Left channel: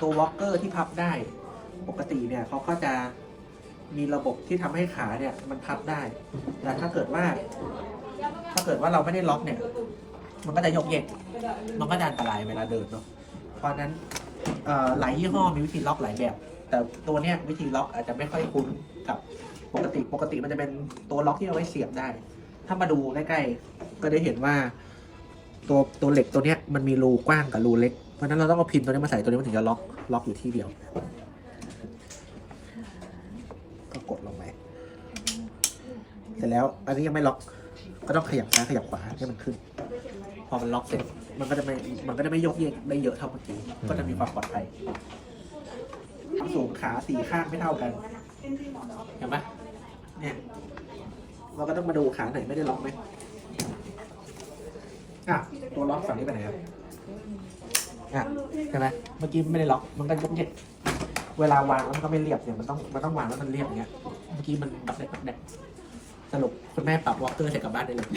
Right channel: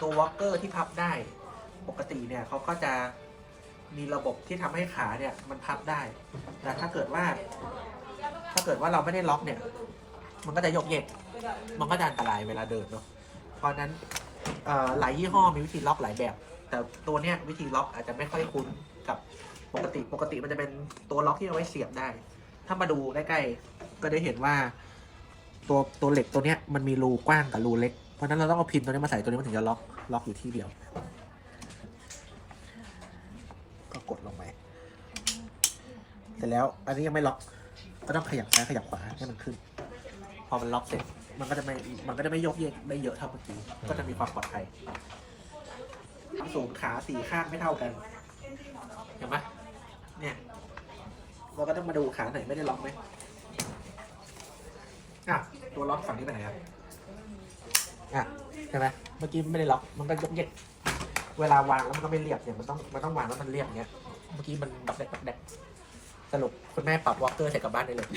ตัววอล์กเกอร์ที่พับได้ ปกติเนี่ยเขาก็จะมีระบบที่ทำให้ขาเนี่ยมันพับได้ แต่ถ้าเกิดว่า ถ้าเกิดว่าเราไม่ได้ล็อกเนี่ย มันก็จะยกเยก มันก็จะอันตรายเวลาเดินเนาะ เพราะนั้นหลายยี่ห้อมีวิธีล็อกหลายแบบ แต่ตัวเนี้ยวิธีล็อกอาจจะไม่ค่อยคุ้นกับปกติ ปกติมันจะเป็นตัวล็อกที่เอาไว้เสียบได้ ถ้ามาดูใกล้ๆก็ได้เห็นว่า ตัวตัวเหล็กตัวเนี้ยมันมีรูกว้างกับรูเล็ก ราะฉะนั้นเราต้องเอาพินตัวนี้มาใส่ตัวนี้มันถึงจะล็อกล็อกอยู่ที่เดียว ก็กดลงไปเสร็จแล้วอันนี้ยังไม่ล็อก ก็ต้องขยับซ้ายขยับขวาให้มันขึ้น พอมันล็อกเสร็จมันก็จะไม่มันก็จะไม่ยกเยกได้เยอะเท่าเมื่อกี้ก็จะมีความปลอดภัยสูงขาสี่ข้างไม่เท่ากันเห็นไหมเนี่ยเราก็ต้องมาดูขาไหนไม่ได้ล็อกไหมอะตัวล็อกฝั่งนี้ไปไหนครับ อะใช่ไหมเมื่อกี้ไม่ได้ล็อกมันก็ยกเยกเวลาวางแล้วมันก็ไม่เรียบเนี่ยมันต้องมันต้องวางแล้วมันเรียบอย่างเงี้ยเมื่อกี้มันดับแดกดับแดกสรุปคุณแม่ปรับวอลเกอร์เสร็จกลับบ้านได้เลย